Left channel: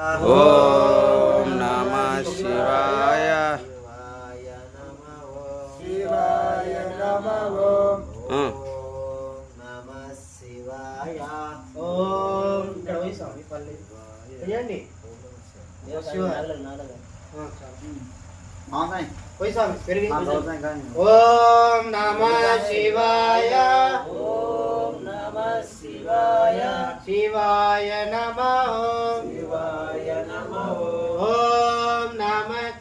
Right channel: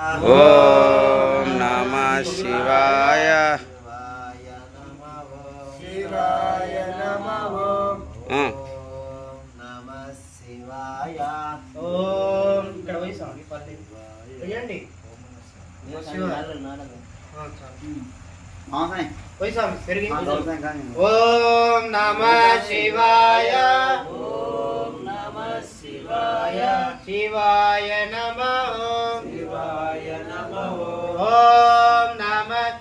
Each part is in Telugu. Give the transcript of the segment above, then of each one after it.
ఓం నమః శివాయ. శివాయ నమః. ఓం ఇక్కడ పోయి స్వామి పల్లి వేయండి. పోయి స్వామి పెరిగి. ఓం నమః శివాయ. ఓం నమః శివాయ. శివాయ నమః. శివాయ నమః. ఓం నమః.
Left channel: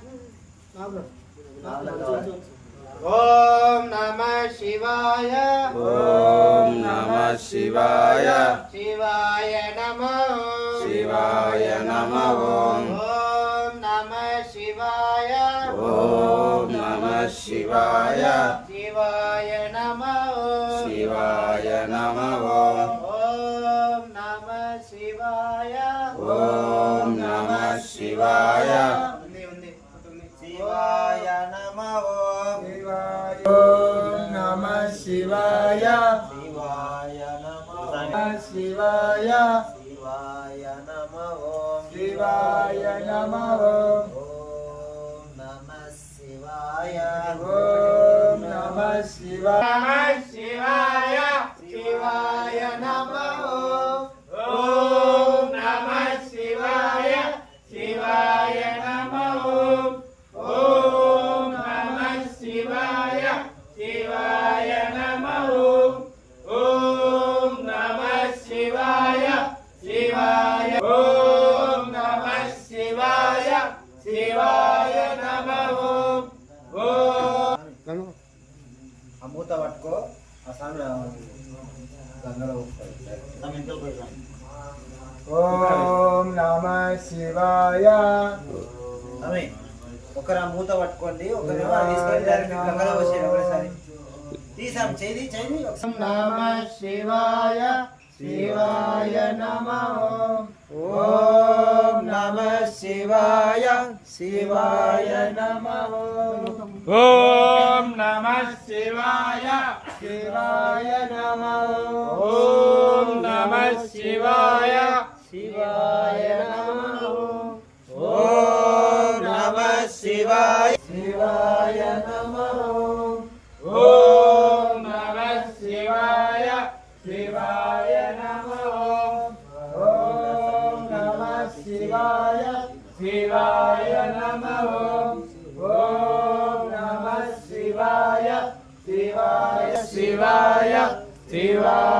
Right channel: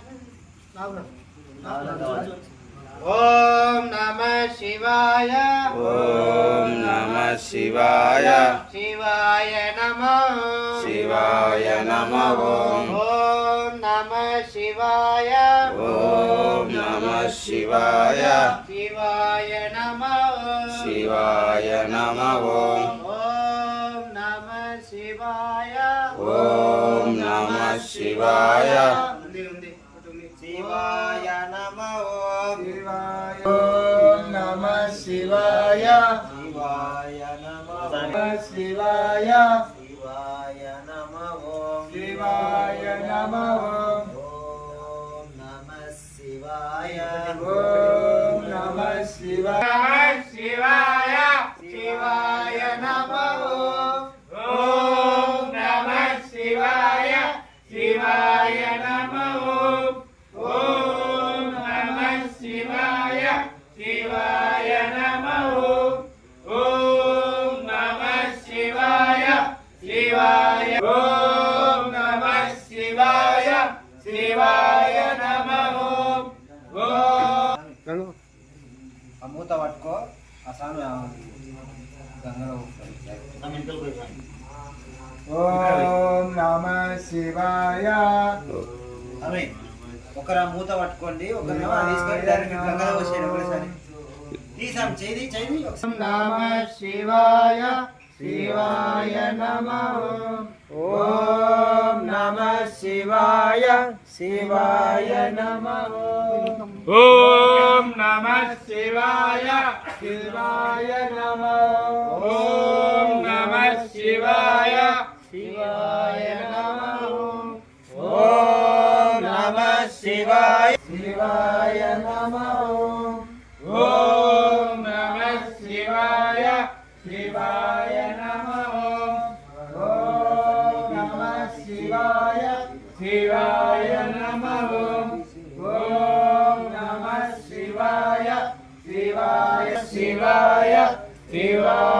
ఓం నమః శివాయ. ఓం నమః శివాయ. శివాయ నమః. శివాయ నమః. ఓం నమః శివాయ. ఓం నమః శివాయ. శివాయ నమః. శివాయ నమః. ఓం నమః శివాయ. ఓం నమః శివాయ. ఉంది శివాయ నమః. ఓం నమః శివాయ. శివాయ నమః. శివాయ. శివాయ నమః. శివాయ నమః. ఓం నమః శివాయ. ఓం నమః శివాయ. శివాయ. శివాయ నమః. ఓం నమః శివాయ. శివాయ నమః. ఓం నమః శివాయ. శివాయ నమః. ఓం నమః శివాయ. శివాయ. ఓం నమః శివాయ. శివాయ నమః. ఆ మూత పట్టుకో. ఆ స్వామి గంగలో ఓం నమః శివాయ. స్వామి ఒకరు ఆ మూత పట్టుకోండి, ఒకరు తీసుకొని డైరెక్ట్ గంగలో వచ్చేయండి ఒకసారి. తీసాం చేయి చేయి. ఓం నమః శివాయ. శివాయ నమః. ఓం నమః శివాయ. శివాయ నమః. ఓం నమః శివాయ. శివాయ నమః. ఓం నమః శివాయ. శివాయ నమః. ఓం నమః శివాయ. శివాయ నమః. ఓం నమః శివాయ. శివాయ నమః. ఓం నమః శివాయ. శివాయ నమః. ఓం నమః శివాయ. శివాయ. శివాయ. శివాయ